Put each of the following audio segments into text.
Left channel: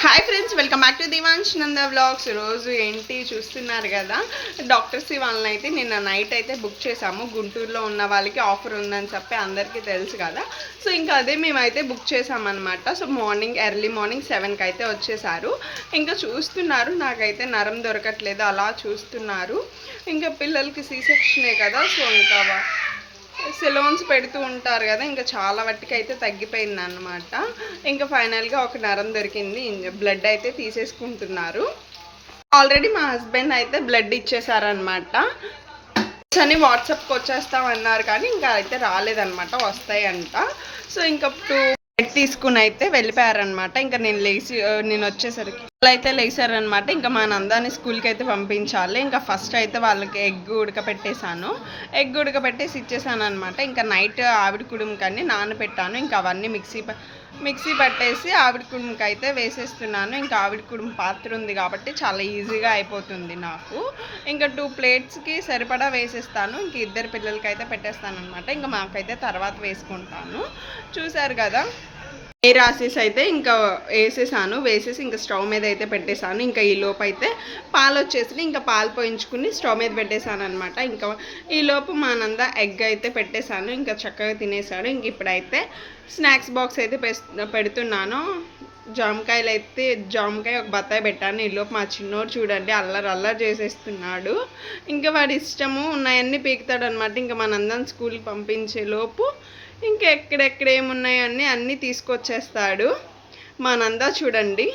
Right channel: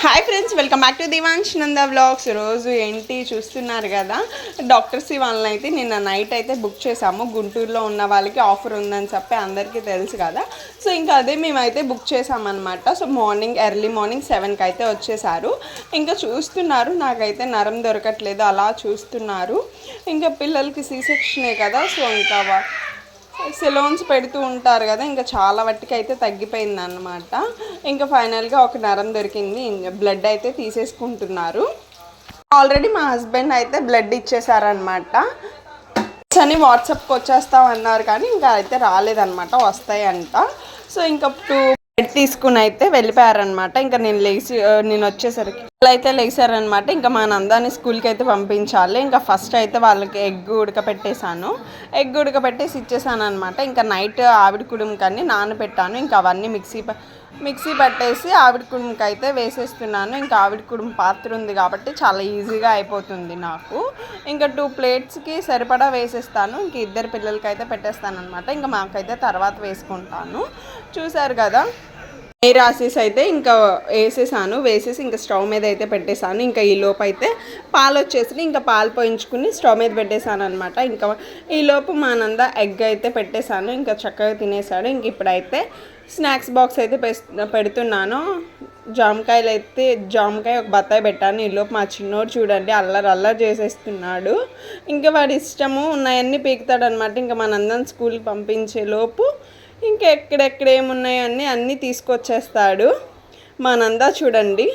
Hi friends, welcome back to Divansh Nanda vlogs. రోజు ఏంటి చూస్తున్నారు కదా, డాక్టర్స్ వాళ్ళని అయితే నిన్న నైట్ అయితే బుక్ చేసాము. గుంటూరులో ఉన్న వాళ్ళకి ఆఫర్ ఉందని చెప్పి అందరికీ తెలుసు కదా. సో ఇంకా అదే మేమైతే బుక్ చేసామన్నమాట. సో ఎర్లీ మార్నింగ్ 7కి అయితే వచ్చేసారు. ఇంకా చూస్తున్నారు, నాకైతే నరం దొరకట్లేదు, అలా చూస్తున్నారు. ఇంకా పిల్లలకి సి సెక్షనే కదా, సో ఇంకా సెలోన్స్ పెడుతూ ఉంటారు కదా, ఇంకా చాలా వాటికి అయితే తగ్గిపోయింది అన్నమాట. ఇంకా ఫైనల్గా ఒక నరం దొరికింది, బ్లడ్ అయితే తీసేసుకుంటున్నారు. ఆల్రెడీ మా హస్బెండ్ అయితే బ్లడ్ ఇచ్చేసారనమాట అని వాట్సాప్కి వచ్చేస్తామన్నారు, కానీ ఇంకా అయితే రాలేదన్నమాట, వస్తాయంట. సో ఇంకా తీసుకుని అయితే వెళ్ళిపోయారనమాట. ఇంకా నేను వచ్చేసరికి వాళ్ళు అయితే లేచారనమాట. ఇంకా మా నందాన్ని స్కూల్కి అయితే పంపించాలి. ఇంకా ఫస్ట్ అయితే వాళ్ళకి ఎగ్ ఉడకపెట్టేసి ఇచ్చేసాను అనమాట. ఇంకా నైట్ ఆవిడ కుడుముకని నానబెట్టాను. ఇంకా అవన్నీ మిక్సీ పట్టేసి ఆవిడ కుడుముకి అయితే వేసేస్తున్నాను. ఇంకా ఆవిడ కుడుము పాత్ర ఉంది కాబట్టి చాలా ఈజీగా అయిపోతుంది నాకు. ఇంకా 2 ప్లేట్స్కి సరిపడా వేసేస్తాను. ఇంక 2 పిల్లలకి అయితే పెట్టేస్తాను అనమాట. ఇంకా మాకైతే తర్వాత వేసుకుంటాను. చూసారు కదా, రాసేసి అయితే ఇంకా వేసేసి ఇంకా స్టవ్ మీద అయితే పెట్టేశాను. ఇంకా ఈ లోపు అయితే పాలు వచ్చేసి ఇంకా పాలు పోయించుకుని స్టవ్ మీద పెట్టేశాను అనమాట. ఇంకా ఈ లోపు మా నంద ఎగ్ అయితే పెట్టేశాను. ఇంకా చక్కగా తినేసాడు. ఇంక ఇప్పుడైతే స్నాక్స్ బాక్స్ అయితే పెడుతున్నాను. జామకాయ ఒక బత్తాయి పెట్టాను. ఈ లోపు మా చిన్నోడు చూడండి అల్లరి చేసేస్తున్నాడు. ఇంకా వాడి ఇష్టము ఉన్నాయన్నీ పీకుతాడు అనమాట. ఇంకా మా నందన్ స్కూల్కి పంపించే లోపు ఇంకా ఎక్కడెక్కడ ఏమున్నాయో అన్నీ తీసుకొచ్చేస్తాడు. మా నందా చూడండి.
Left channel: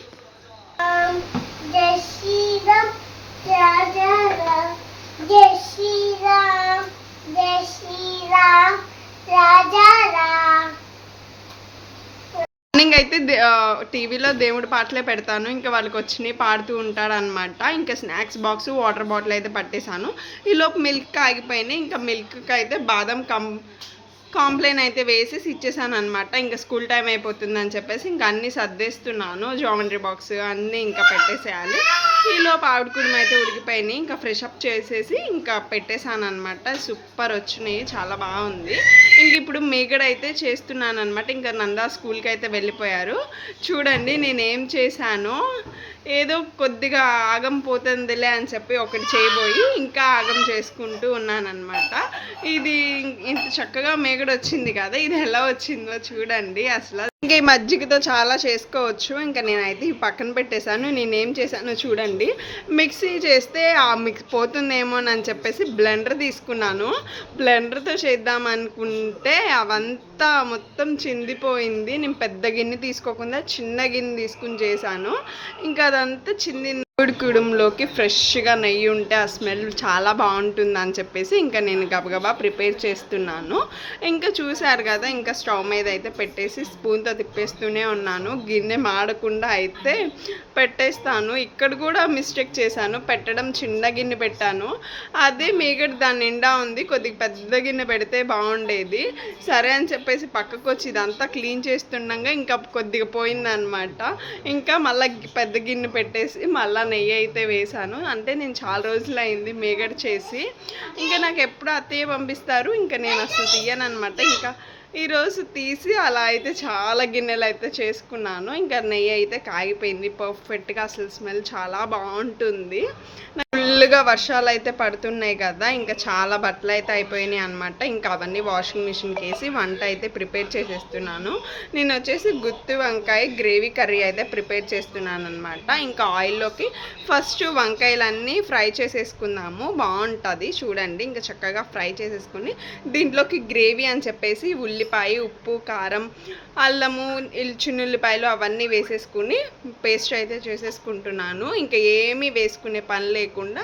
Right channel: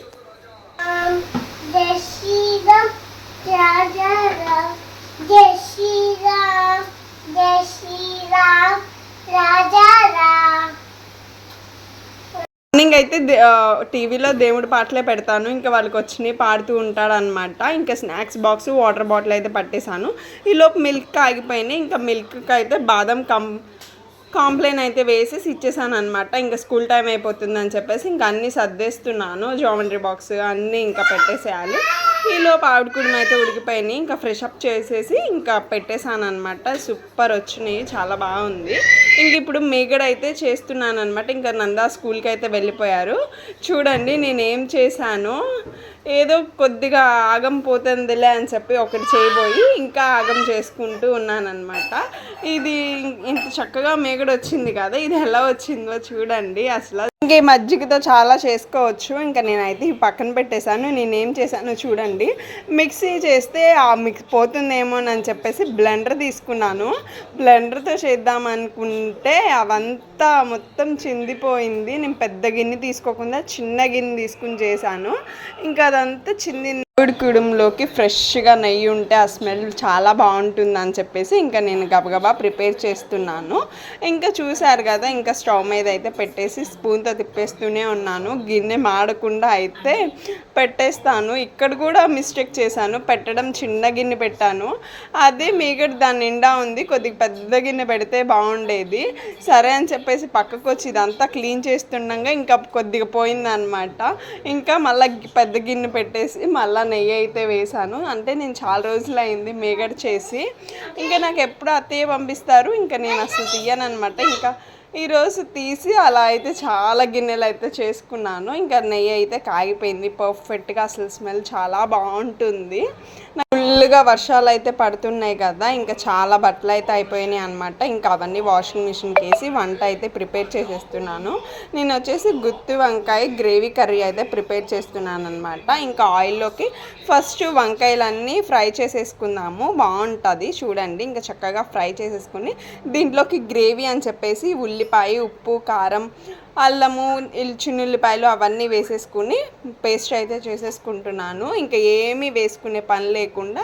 మార్నింగ్ అయితే టీవీలో దేవుడి పాటలే పెడతాను. ఇంకా వాళ్ళకి వచ్చినాయి పాడుతూ ఉంటాడు అనమాట. ఇంకా స్నాక్స్ బాక్స్ వాటర్ బాటిల్ అయితే పట్టేశాను. ఈలోపు మిల్క్ ఆగిపోయినాయి. ఇంకా మిల్క్కి అయితే బాదం కాంప్లైన్ అయితే వేసేసి ఇచ్చేసాను అనమాట. ఇంకా స్కూల్ టైం అయిపోతుందని చెప్పేసి ఇంకా అన్నీ సర్దేస్తున్నాను. జామెంట్రీ బాక్స్ అన్నీ ఇంకా పెట్టేసేయాలి. ఈలోపు ఆవిడ కుడుము అయితే ఉడికిపోయినాయి. ఇంకా ఫ్రెష్ అప్ చేసేసి ఇంకా పెట్టేశాను అనమాట. సూపర్ వచ్చినాయి, చాలా బాగుంది. ఇంక ఇప్పుడు మీగడ అయితే చేస్తున్నాను అనమాట. ఇంకా నందా స్కూల్కి అయితే వెళ్ళిపోయారు. చూడండి నేనేం చేశాను, ఏదో కొద్దిగా ఆగం పోతుందిలే అని చెప్పి ఒకటి చేయబోయి ఇంకా ఆగం చేసుకుంటూ ఉన్నానన్నమాట. ఇది ఇంత చక్కగా మేగడ వచ్చింది కదా, ఇది ఎలా వచ్చిందో చూడండి. అసలు ఇంకా ఈ మజ్జిగతో చాలా చేసుకోవచ్చు. ఇంకా నేనైతే పక్కన పెట్టేశాను. నేనేం చేశాను చూడండి, మిక్సీ చేస్తే పోతుందేమోనని చెప్పేసి బ్లెండర్ తీసుకున్నాను. బ్లెండర్తో చేద్దాం అనుకుంటే అవంతా మొత్తం చిందిపోయింది. నేను పెద్ద గిన్నె తీసుకోకుండా చిన్న గిన్నె తీసుకుని చేశాను. ఇంకా అదంతా కుడుములోకి ఫ్రెష్గా నెయ్యి ఉంటే ఆ స్మెల్ చాలా బాగుంటుంది అని చెప్పేసి ఇంకా నేను గబగబా ప్రిపేర్ చేస్తున్నాను. ఇంకా చూసారు కదా, ఇంకా స్టవ్ మీద అయితే పెట్టేసి స్పూన్తో తిప్పేస్తూనే ఉన్నాను. గిన్నె మాడకుండా అయితే పెట్టేస్తాను. ఇక్కడ కూడా మిస్టేక్ చేశాను, పెట్టడం చిన్న గిన్నె పెట్టాను. అదే మీగడ దాని నిండా ఉంది, కొద్దిగా పెద్ద గిన్నె పెడితే బాగుండేది. సరే అని చెప్పేసి పక్కకు వచ్చి ఇదంతా క్లీన్ చేస్తుండగా ఇంకా కొద్దిగా పోయిందనమాట. ఇంకా మళ్ళీ పెద్ద గిన్నె పెట్టేసి మళ్ళీ నెయ్యి అయితే వేసాను. అంటే నేను చాలా రోజులు అయింది మేగడ చేసి. ఇంకా నాకు ఎప్పుడు అత్తయ్య పంపిస్తారు, ఇంకా నేను అసలు తీయను అనమాట. ఇంకా ఈరోజు తీసి అలా అయితే చాలా గిన్నెలు అయితే చేసుకున్నాను. ఇంకా నెయ్యి అయితే కాగిపోయింది పర్ఫెక్ట్గా, అసలు స్మెల్ చాలా బాగుంటుంది. ఫుల్గా వర్షాలు అయితే పడుతున్నాయి కదా, ఇంకా చాలా బట్టలు అయితే అయిపోయినాయి అనమాట. ఇంకా అవన్నీ వాషింగ్ మిషన్కి వేసి వంట అయితే ప్రిపేర్ చేసేస్తున్నాను. నేను వచ్చేసి గుత్తి వంకాయ గ్రేవీ కర్రీ అయితే ప్రిపేర్ చేస్తున్నాను అనమాట. ఇంకా ఆయిల్లోకి ఫస్ట్ వంకాయలన్నీ ఫ్రై చేసేసుకుందాము, బాగుంటుంది చూడండి. ఇంకా చక్కగా ఫ్రై చేసేసుకుని దీంట్లోకి గ్రేవీ అని చెప్పేసి ఉల్లిపాయ, ఉప్పు, కారం, అల్లము, చిన్నుల్లిపాయలు అవన్నీ వేసేసుకుని పేస్ట్ అయితే చేసేసుకుంటున్నాను. ఇంకా ఏమీ వేసుకునే పని లేకుండా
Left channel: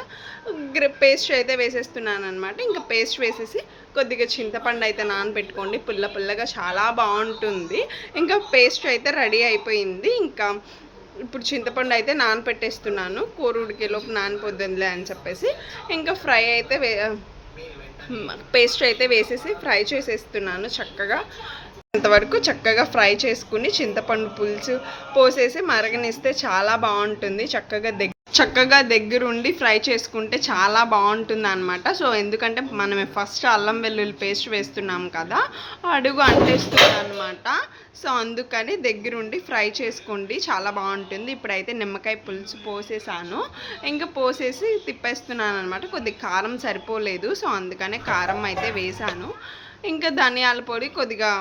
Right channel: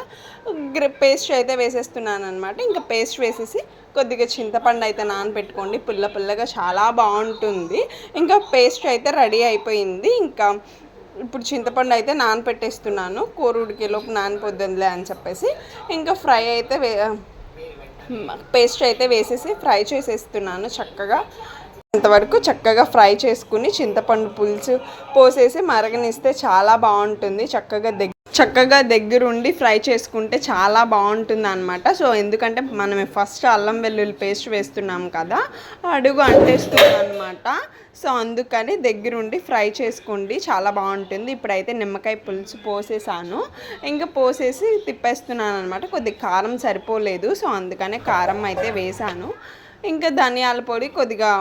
పేస్ట్ అయితే వేసేస్తున్నాను అనమాట. ఇంకా పేస్ట్ వేసేసి కొద్దిగా చింతపండు అయితే నానబెట్టుకోండి, పుల్లగా చాలా బాగుంటుంది. ఇంకా పేస్ట్ అయితే రెడీ అయిపోయింది. ఇంకా ఇప్పుడు చింతపండు అయితే నానబెట్టేస్తున్నాను, కూర ఉడికేలోపు నానిపోద్దులే అని చెప్పేసి. ఇంకా పేస్ట్ అయితే వేసేసి ఫ్రై చేసేస్తున్నాను. అంతవరకు చక్కగా ఫ్రై చేసుకుని చింతపండు పులుసు పోసేసి మరగనిస్తే చాలా బాగుంటుంది. చక్కగా దగ్గరుండి ఫ్రై చేసుకుంటే చాలా బాగుంటుంది అనమాట. సో ఎందుకంటే మనం ఫస్ట్ అల్లం వెల్లుల్లి పేస్ట్ వేస్తున్నాం కదా, అడుగు అంటేస్తుంది అనమాట. సో అందుకని దగ్గరుండి ఫ్రై చేసుకోండి, చాలా బాగుంటుంది. ఇప్పుడైతే నిమ్మకాయ పులుసు పోసేసాను, ఇంకా పోసేసి తిప్పేస్తున్నాను అనమాట. కొద్దిగా కారం సరిపోలేదు, సో అందుకనే కారం అయితే వేసాను. ఇంకా ధనియాల పొడి, కొద్దిగా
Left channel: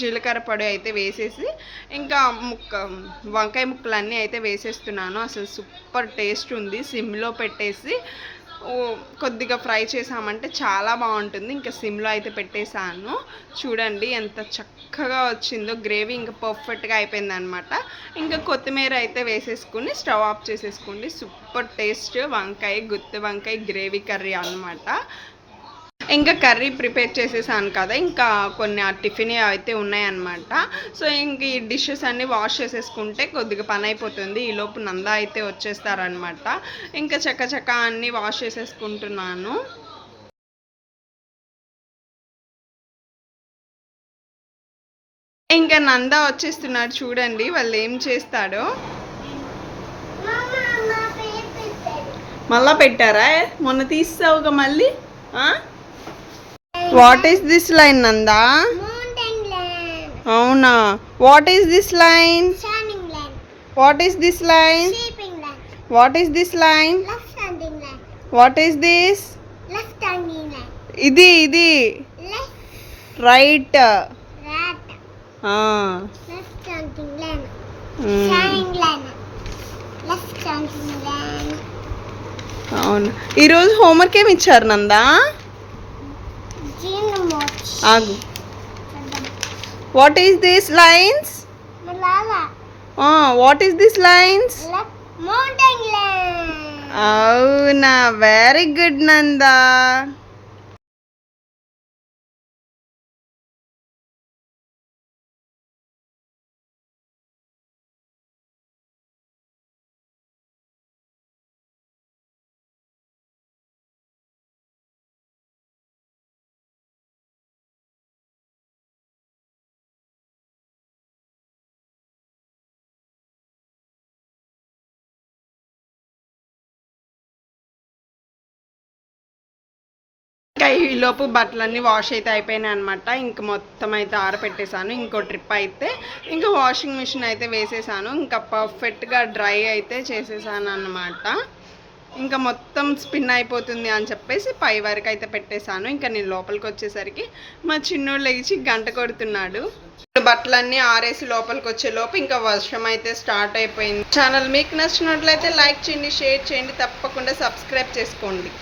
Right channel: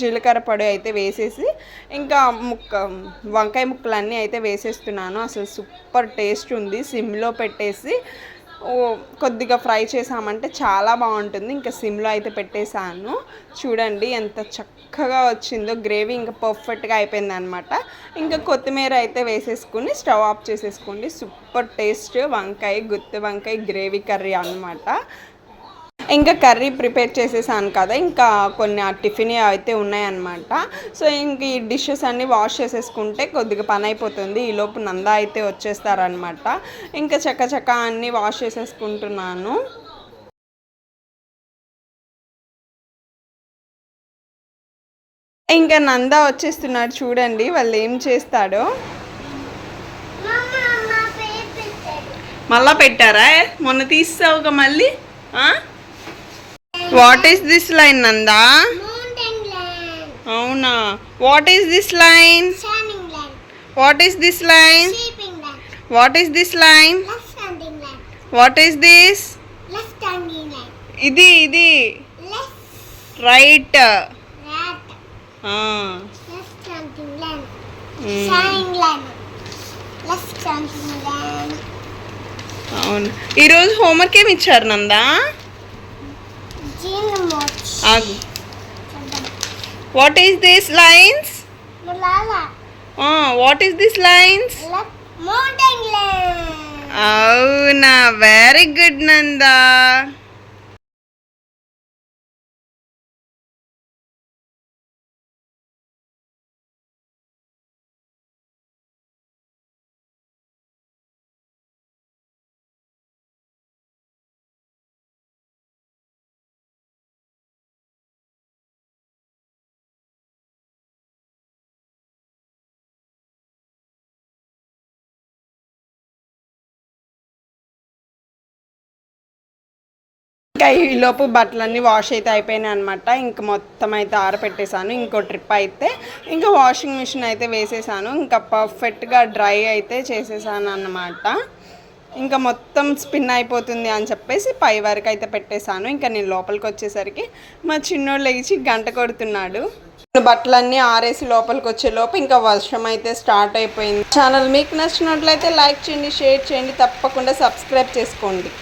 జీలకర్ర పొడి అయితే వేసేసి ఇంకా వంకాయ ముక్కలన్నీ అయితే వేసేస్తున్నాను. అసలు సూపర్ టేస్ట్ ఉంది. సిమ్లో పెట్టేసి కొద్దిగా ఫ్రై చేసామంటే చాలా బాగుంటుంది. ఇంకా సిమ్లో అయితే పెట్టేశాను. చూడండి ఎంత చక్కగా వచ్చిందో, గ్రేవీ ఇంకా పర్ఫెక్ట్గా అయిపోయింది అనమాట. ఇంకా కొత్తిమీర అయితే వేసేసుకుని స్టవ్ ఆఫ్ చేసేసుకోండి. సూపర్ టేస్ట్ వంకాయ, గుత్తి వంకాయ గ్రేవీ కర్రీ అనమాట. ఇంకా కర్రీ ప్రిపేర్ చేసేసాను కదా, ఇంకా కొన్ని టిఫిన్ అయితే ఉన్నాయన్నమాట. సో ఇంక ఈ డిషెస్ అన్నీ వాష్ చేసేసుకుంటే కొద్దిగా పని అయిపోతుంది. ఈలోపు నందా అయితే వచ్చేస్తారనమాట. ఇంకా చక్క అన్నీ వాష్ చేసేసుకుంటున్నాను. ఇంకా నందా వచ్చేస్తున్నాడు చూడండి, వాళ్ళు ఏం చేస్తాడో. మళ్ళా పెట్టారా? మొన్న తీసావుగా మళ్ళీ. What is this line, Nanda? Mountain line. Avuna. What is this line? Shining line. What is this line? Sleeping line. What is this line? Left standing line. What is this? Left standing line. Idi. Left. Right. Right. Left standing line. Shining line. Left standing line. అవును. ఈరోజు homework ఏమి ఇచ్చారు నందా? ఆగు. What is this lines? Malala. What is this lines? Mountain line. అవునా, very good Nanda. ఇంకా ఈలోపు బట్టలన్నీ wash అయితే అయిపోయినాయి అనమాట. ఇంక మొత్తం అయితే ఆరపెట్టేశాను. ఇంకో ట్రిప్ అయితే ఇంకా వాషింగ్ మిషన్ అయితే వేసేసాను. ఇంకా పర్ఫెక్ట్గా డ్రై అయితే చేసేసాను అన్నమాట. ఇంకా మొత్తం స్పిన్ అయిపోతుంది అని చెప్పేసి పై వరకు అయితే పెట్టేశాను. ఇంకా నేను లోపలికి వచ్చేసరికి మా చిన్నోడు లేచి గంట కొడుతున్నాడు. బట్టలన్నీ ఆరేసి లోపలికి వచ్చే లోపు ఇంకా వర్షం అయితే స్టార్ట్ అయిపోయింది. ఛానల్ మీకు నచ్చినట్లయితే లైక్ చేయండి, షేర్ చేయండి, తప్పకుండా సబ్స్క్రైబ్ చేసుకోండి.